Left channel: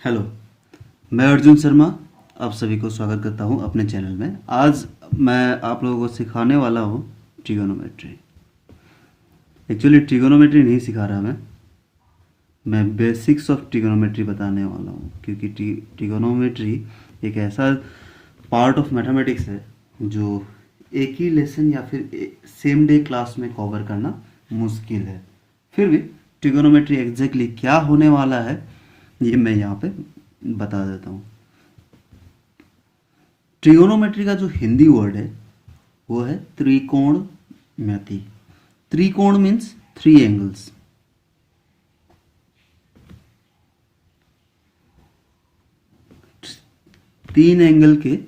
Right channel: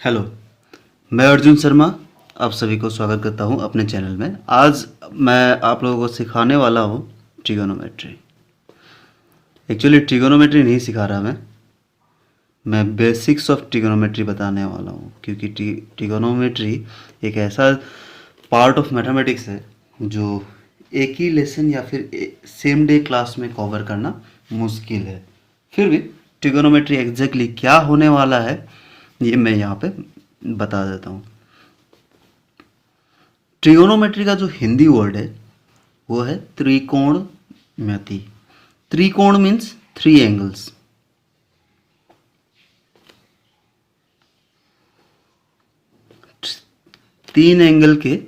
Hello, मैं अर्जुन शर्मा आप सभी को स्वागत करता हूं अपने चैनल में। आज मैं आप लोगों को सिखाने वाला हूं ट्रिगोनोमेट्री। एक्चुअली ट्रिगोनोमेट्री नहीं सिखा रहा मैं बेसिक्स ऑफ ट्रिगोनोमेट्री बताने वाला हूं, क्योंकि ट्रिगोनोमेट्री एक ऐसा पार्ट ऑफ मैथमेटिक्स है जो एक ही लेसन या फिर सेम डे क्लास में कवर करना मुश्किल है। फिर भी ट्रिगोनोमेट्री एग्जैक्टली क्या होने वाला है ये मैं यहाँ पे बता देता हूँ। ट्रिगोनोमेट्री का जो हिंदी वर्ड है वो है त्रिकोणमिति। त्रिकोण मीन्स थ्री एंगल्स। तीन एंगल के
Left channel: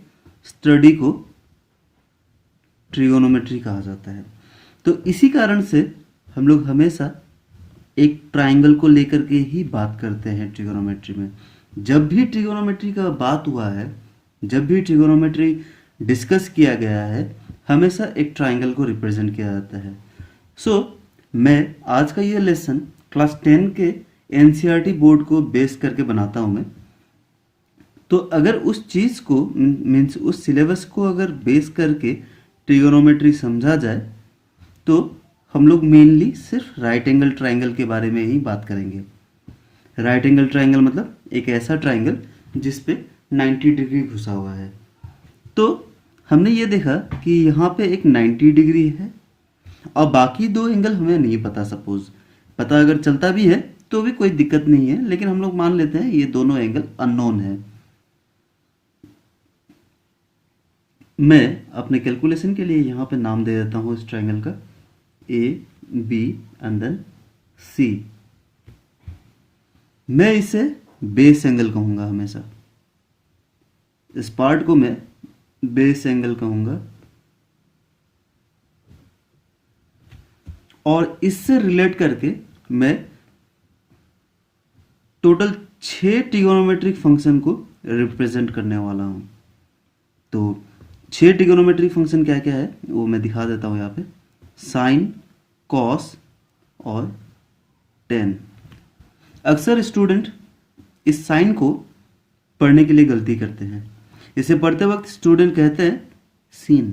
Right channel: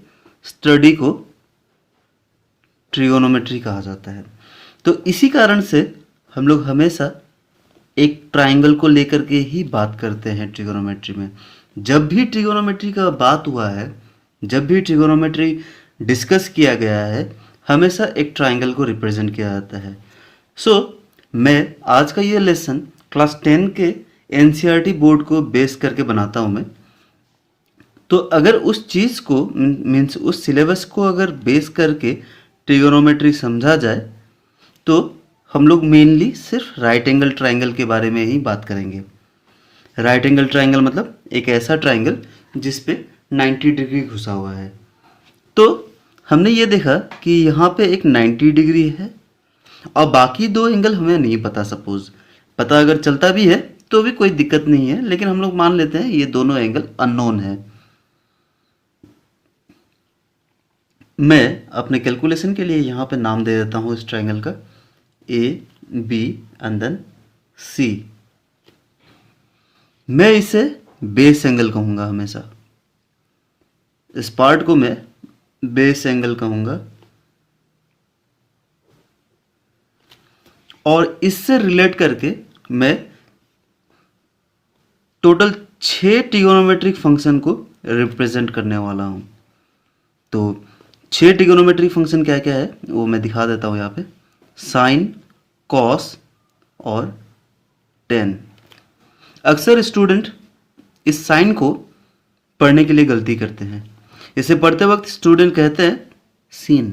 स्टडी को ट्रिगोनोमेट्री कहा जाता है। तो इसी कारण से हम लोग हमेशा एक ट्रायंगल को लेकर के ही बात करते हैं ट्रिगोनोमेट्री में। जब भी ट्रिगोनोमेट्री का बात हुआ है, जब भी ट्रिगोनोमेट्री डिस्कस किया गया है, हमेशा एक ट्रायंगल को रिप्रेजेंट किया जाता है। मैं आज का ये लेसन क्लास 10 के एनसीईआरटी बोर्ड को बेस करके बनाता हूँ मैं। तो अगर उस चीज़ को मीन्स उस सिलेबस को अगर बेस करके ट्रिगोनोमेट्री समझा जाए तो हम लोग मेनली सिर्फ राइट एंगल ट्रायंगल के बारे में ही बात करेंगे। राइट एंगल ट्रायंगल मतलब एक ऐसा ट्रायंगल जिस पे 90 डिग्री घुसा हुआ है। तो हमने ये देखा कि यहाँ पे एक 90 डिग्री है और बाकी दो एंगल हमें नहीं पता। सपोज पता अगर चलता भी है तो भी कोई दिक्कत नहीं है, लेकिन हम लोग मान लेते हैं ये दोनों एंगल अननोन है। मैं अपने कैलकुलेशन के लिए यहाँ पे नाम दे देता हूँ इस ट्रायंगल का ए बी एंड देन सी। मैं इसे बेस एंगल कहूँगा हमेशा। इस पार्ट को मैं बेस एंगल कहूँगा और इससे रिलेट करके मैं टोटल 6 ट्रिगोनोमेट्रिक फंक्शन को रिप्रेजेंट करने वाला हूँ। तो 6 ट्रिगोनोमेट्रिक फंक्शन क्या क्या है वो मैं दिखा देता हूँ यहाँ पे। साइन, कॉस और टेन। अक्सर स्टूडेंट इस साइन को पढ़ने के लिए गलती करते हैं। इसे पढ़ते वक्त स्टूडेंट कहते हैं सीन,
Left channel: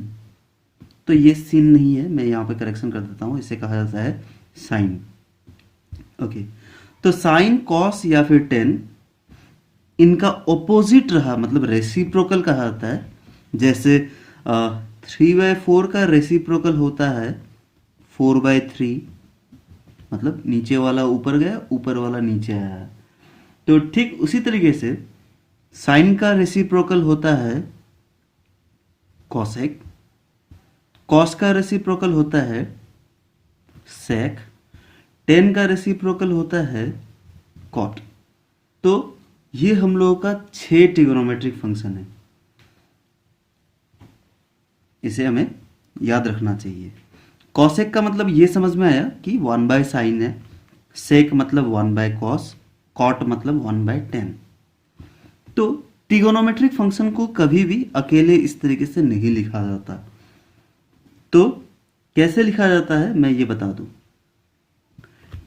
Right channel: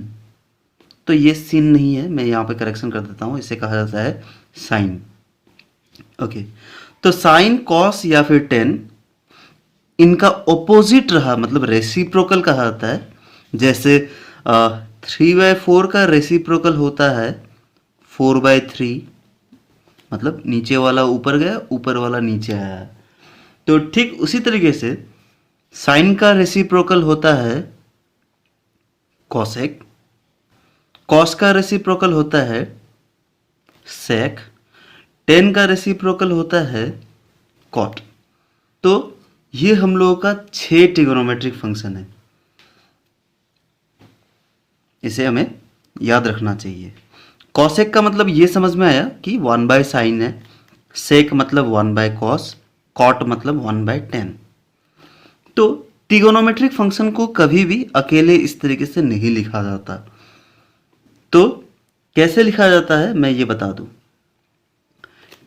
तो ये सीन नहीं है। मैं यहाँ पे करेक्शन कर देता हूँ, इसे कहा जाता है साइन। ओके, तो साइन, कॉस या फिर टेन इनका ओपोजिट रहा मतलब रेसिप्रोकल कहा जाता है। जैसे 3/4 का रेसिप्रोकल होता है 4/3, मतलब नीचे वाला ऊपर गया, ऊपर वाला नीचे आया। तो ठीक उसी तरीके से साइन का रेसिप्रोकल होता है कॉसेक, कॉस का रेसिप्रोकल होता है सेक, टेन का रेसिप्रोकल होता है कॉट। तो ये हम लोगों का 6 ट्रिगोनोमेट्रिक फंक्शन है, इसे हमें याद रखना चाहिए। कॉसेक का मतलब ये समझ में आया कि 1/sin है, सेक मतलब 1/cos, कॉट मतलब 1/10। तो ट्रिगोनोमेट्रिक फंक्शन को कभी भी अकेले इस तरीके से नहीं लिखा जाता। तो कैसे लिखा जाता है मैं ये बता दूं।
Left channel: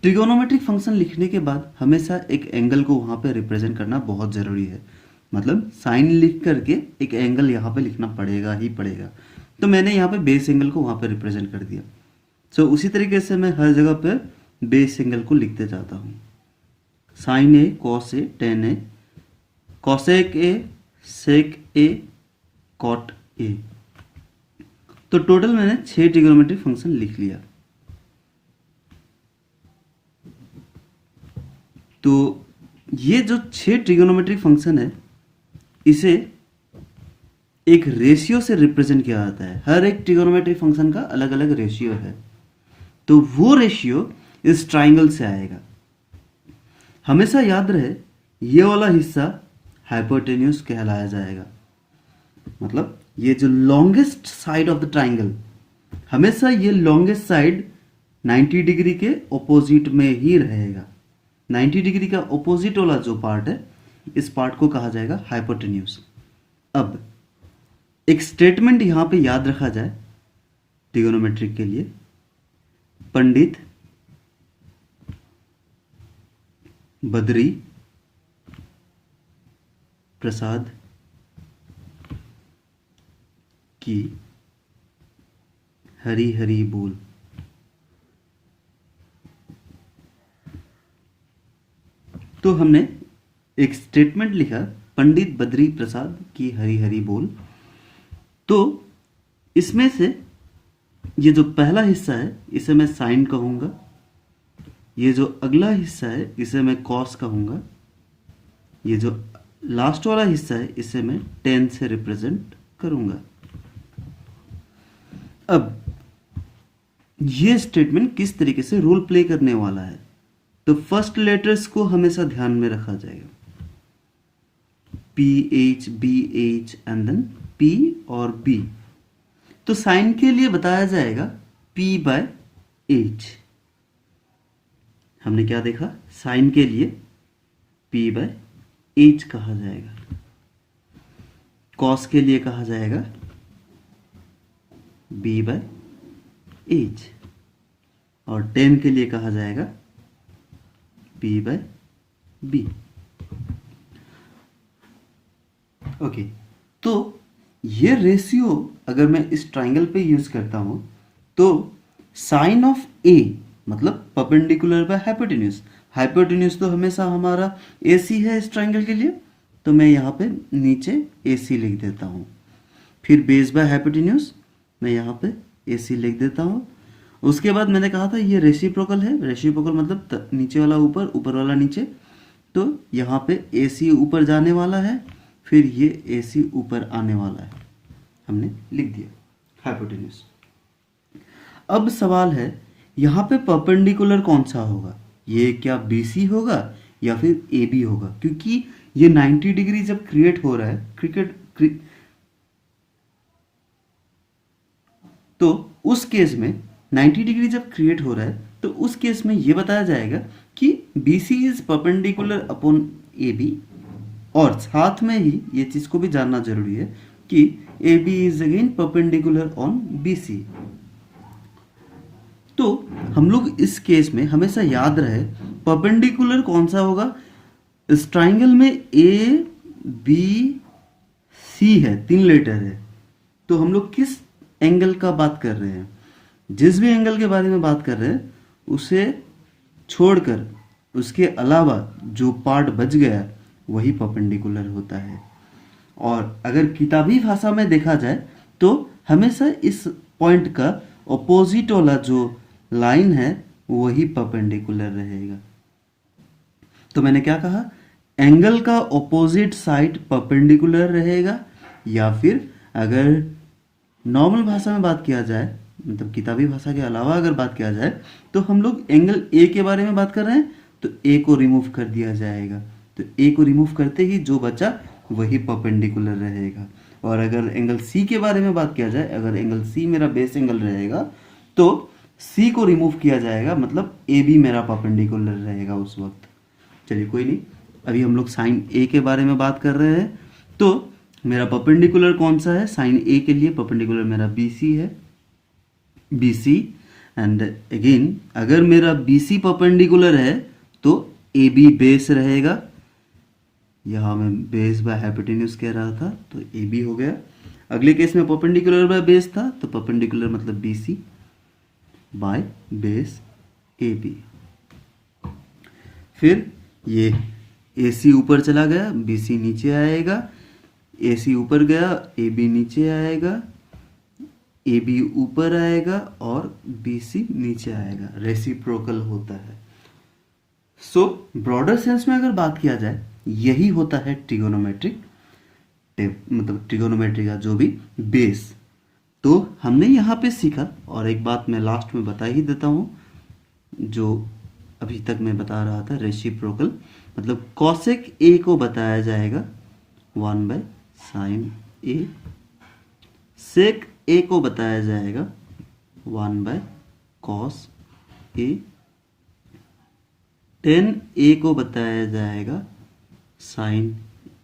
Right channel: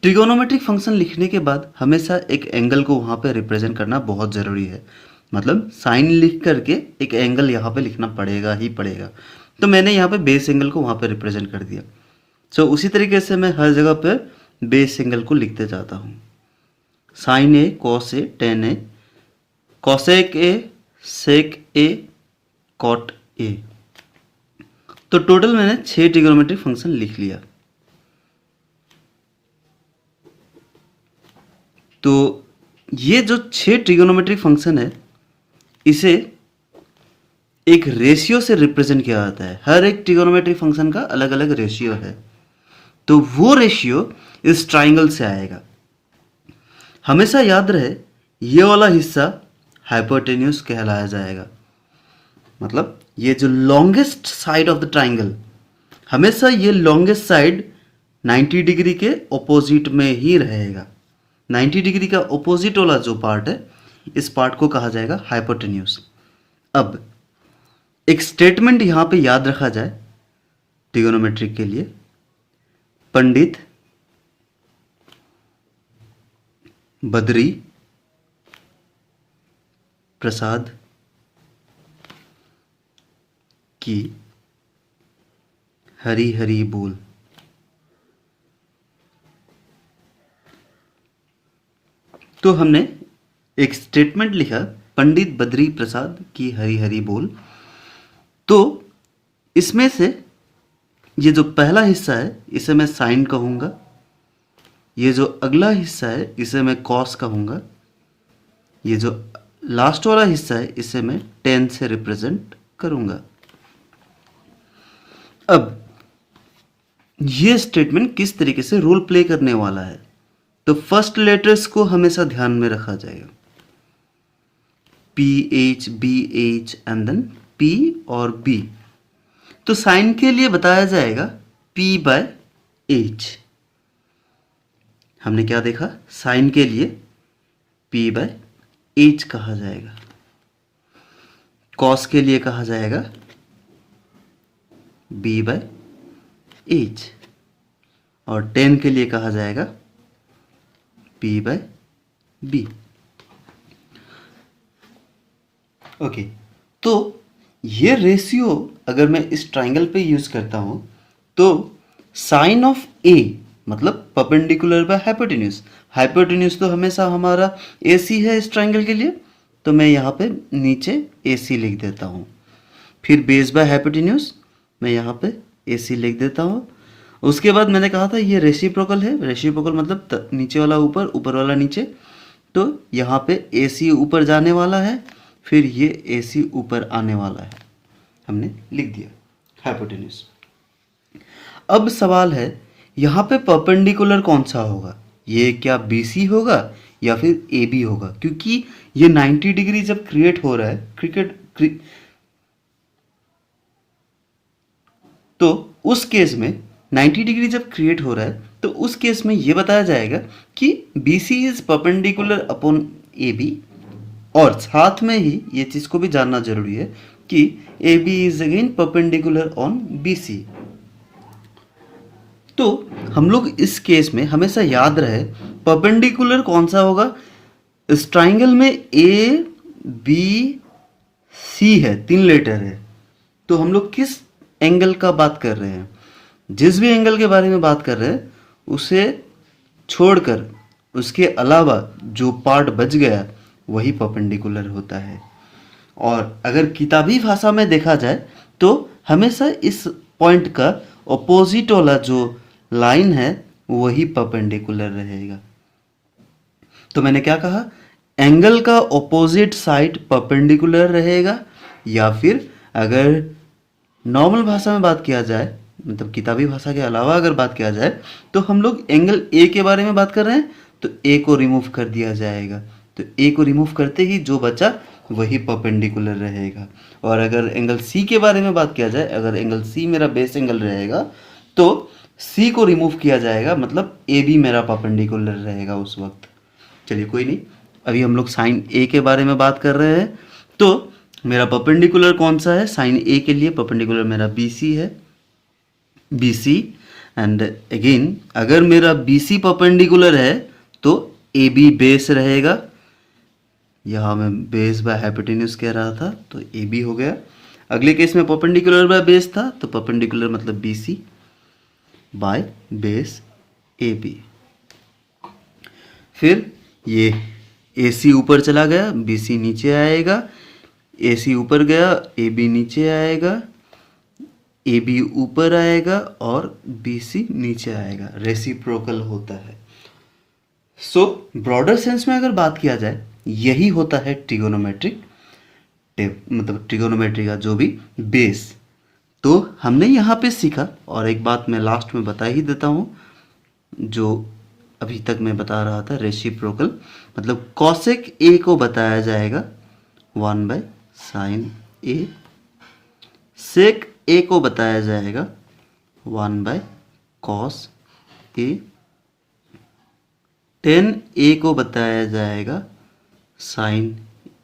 ट्रिगोनोमेट्रिक फंक्शन लिखने के बाद हमेशा एक एंगल को वहाँ पे रिप्रेजेंट करना बहुत ज़रूरी है। मतलब साइन लिख करके एक एंगल यहाँ पे लिखना पड़ेगा ही पड़ेगा। तो मैंने यहाँ पे बेस एंगल को वहाँ पे रिप्रेजेंट कर दिया। उसी तरीके से मैं हर जगह पे बेस एंगल को लिखते जाता हूँ। Sine A, cos A, tan A, cosec A, sec A, cot A. तो टोटल मैंने 6 ट्रिगोनोमेट्रिक फंक्शन लिख लिया। तो ये जो 6 ट्रिगोनोमेट्रिक फंक्शन है इसे एक रेशियो से रिप्रेजेंट किया जाता है। हर एक ट्रिगोनोमेट्रिक फंक्शन का अलग अलग रेशियो है, तो वो रेशियो इस ट्राइंगल से आएगा। हमेशा याद रहे ये वाला हिस्सा हाइपोटेन्यूज कहलाया जाएगा। मतलब ये जो longest side of the triangle, हमेशा ये लॉन्गेस्ट साइड 90 डिग्री के ऑपोजिट में ही रहेगा। 90 डिग्री का ऑपोजिट वाला जो पार्ट है इस पार्ट को कहा जाएगा हाइपोटेन्यूज। अब एक स्टेटमेंट यहाँ पे याद रखा जाए ट्रिगोनोमेट्रिक के लिए। पंडित बद्री प्रसाद की हरी हरी बोल। तो हमने एक स्टेटमेंट लिखा, पंडित बद्री प्रसाद की हरी हरी बोल। तो इसमें से ये जो पहला हिस्सा है इसे मैं साइन कहूँगा, ये जो अगला हिस्सा है इसे मैं कॉस कहूँगा, ये जो लास्ट वाला हिस्सा है इसे मैं टेन से रिप्रेजेंट करूँगा। अब ये स्टेटमेंट किस तरीके से रोल प्ले करने वाला है, तो फर्स्ट लेटर्स को हमेशा ध्यान में रखा जाएगा, PH BH and then P और B। तो साइन के लिए बताया जाएगा P/H। हमने क्या देखा, साइन के लिए P/H कहा जाएगा, कॉस के लिए कहा जाएगा B/H और टेन के लिए कहा जाएगा P/B। ओके, तो ये रेशियो अगर मैं इस ट्राइंगल पे यूज करता हूं तो साइन ऑफ ए मतलब परपेंडिकुलर बाय हाइपोटेन्यूज, हाइपोटेन्यूज तो हमेशा हमारा AC है इस ट्राइंगल के लिए, तो मैं यहाँ पे नीचे AC लिख देता हूँ। फिर बेस बाय हाइपोटेन्यूज मैं यहाँ पे AC लिख देता हूँ। उसके बाद मैंने कहा था ये रेसिप्रोकल है, रेसिप्रोकल मतलब नीचे वाला ऊपर, ऊपर वाला नीचे, तो यहाँ पे AC ऊपर जाने वाला है, फिर ये AC ऊपर आने वाला है, हमने लिख दिया हाइपोटेन्यूज। अब सवाल है यहाँ पे परपेंडिकुलर कौन सा होगा, ये क्या BC होगा या फिर AB होगा, क्योंकि ये 90 डिग्री जब क्रिएट हो रहा है तो उस केस में 90 डिग्री जब क्रिएट हो रहा है तो उस केस में ये बताया जाएगा कि BC is perpendicular upon AB, और साथ में ही ये चीज को भी जानना जरूरी है कि AB is again perpendicular on BC। तो हम लोग इस केस में हमेशा याद रहे परपेंडिकुलर कौन सा होगा, इस ट्राइंगल में ABC है, 3 लेटर है, तो हम लोग किस एंगल का बात कर रहे हैं, जिस भी एंगल के बारे में बात कर रहे हैं उसे छोड़कर उसके अलावा जो पार्ट बच गया वही परपेंडिकुलर होता है। और अगर किताबी भाषा में देखा जाए तो हमेशा इस पॉइंट का ऑपोजिट वाला जो लाइन है वही परपेंडिकुलर रहेगा। तो मैंने क्या कहा, एंगल का ऑपोजिट साइड परपेंडिकुलर रहेगा, या फिर अगर नॉर्मल भाषा में बात किया जाए, मतलब किताबी भाषा के अलावा अगर बात किया जाए, तो हम लोग एंगल ए के बारे में बात कर रहे हैं तो ए को रिमूव कर दिया जाएगा, तो ए को रिमूव करते ही जो बचा वही परपेंडिकुलर रहेगा। और अगर एंगल सी के बारे में बात किया जाए, अगर एंगल सी मेरा बेस एंगल रहेगा तो सी को रिमूव किया जाएगा, मतलब ए भी मेरा परपेंडिकुलर रहेगा उस वक्त। चलिए कोई नहीं, अभी हम लोग साइन ए के बारे में बात कर रहे हैं। तो मेरा परपेंडिकुलर कौन सा है, साइन ए के लिए परपेंडिकुलर मेरा BC है, BC। एंड अगेन अगर मेरा BC परपेंडिकुलर है तो AB बेस रहेगा, यहाँ मैं बेस बाय हाइपोटेन्यूज कह रहा था तो AB हो गया। अगले केस में परपेंडिकुलर बाय बेस था तो परपेंडिकुलर मतलब BC बाय बेस AB। फिर ये AC ऊपर चला गया, BC नीचे आएगा, AC ऊपर गया, AB नीचे आएगा, AB ऊपर आएगा और BC नीचे आएगा, रेसिप्रोकल होता है। सो ब्रॉडर सेंस में अगर बात किया जाए यही होता है ट्रिगोनोमेट्रिक मतलब ट्रिगोनोमेट्री का जो भी बेस। तो हमने यहाँ पे सीखा, और एक बात मैं लास्ट में बता ही देता हूँ जो अभी तक मैं बता रहा था, रेसिप्रोकल मतलब कॉसेक ए को बताया जाएगा 1/sin A, सेक ए को बताया जाएगा 1/cos A, tan A को बताया जाएगा sin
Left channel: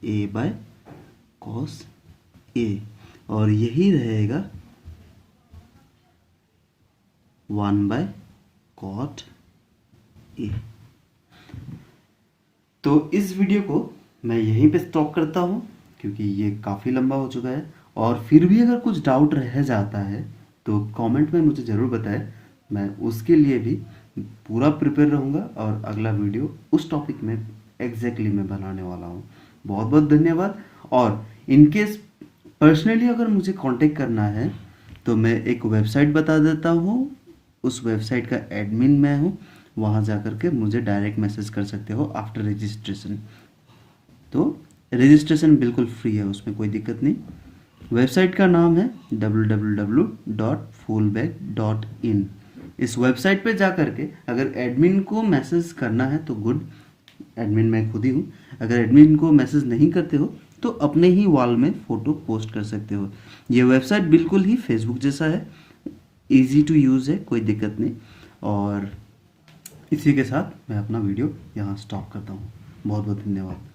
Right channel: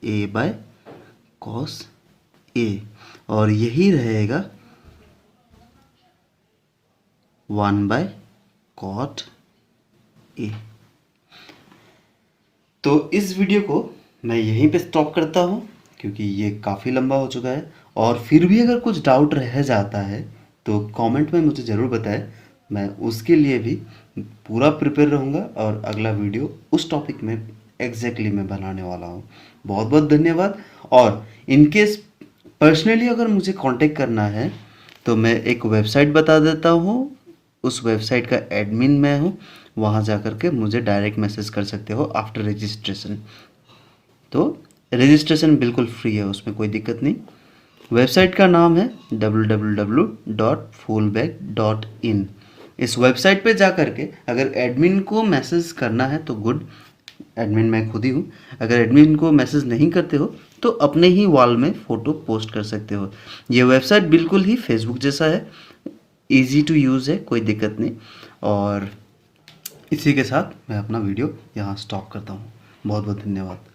A/cos A, और यही रहेगा 1/cot A। तो इस वीडियो को मैं यहीं पे स्टॉप करता हूँ क्योंकि ये काफ़ी लंबा हो चुका है। और फिर भी अगर कुछ डाउट रह जाता है तो कमेंट में मुझे ज़रूर बताएं। मैं उसके लिए भी पूरा प्रिपेयर रहूँगा और अगला वीडियो उस टॉपिक में एग्जैक्टली मैं बनाने वाला हूँ। बहुत बहुत धन्यवाद। और इनकेस पर्सनली अगर मुझे कांटेक्ट करना है तो मैं एक वेबसाइट बता देता हूँ। उस वेबसाइट का एडमिन मैं हूँ। वहाँ जा कर के मुझे डायरेक्ट मैसेज कर सकते हो आफ्टर रजिस्ट्रेशन। तो रजिस्ट्रेशन बिल्कुल फ्री है, उसमें कोई दिक्कत नहीं। वेबसाइट का नाम है www.fullback.in। इस वेबसाइट पे जा कर के अगर एडमिन को मैसेज करना है तो गुड, एडमिन मैं खुद ही हूँ। अगर एडमिन को मैसेज नहीं करते हो तो अपने ही वॉल में फ़ोटो पोस्ट कर सकते हो। ये वेबसाइट बिल्कुल ही फेसबुक जैसा है, इजी टू यूज़ है, कोई दिक्कत नहीं। और इसी के साथ मैं अपना वीडियो यहाँ स्टॉप करता हूँ। बहुत बहुत धन्यवाद।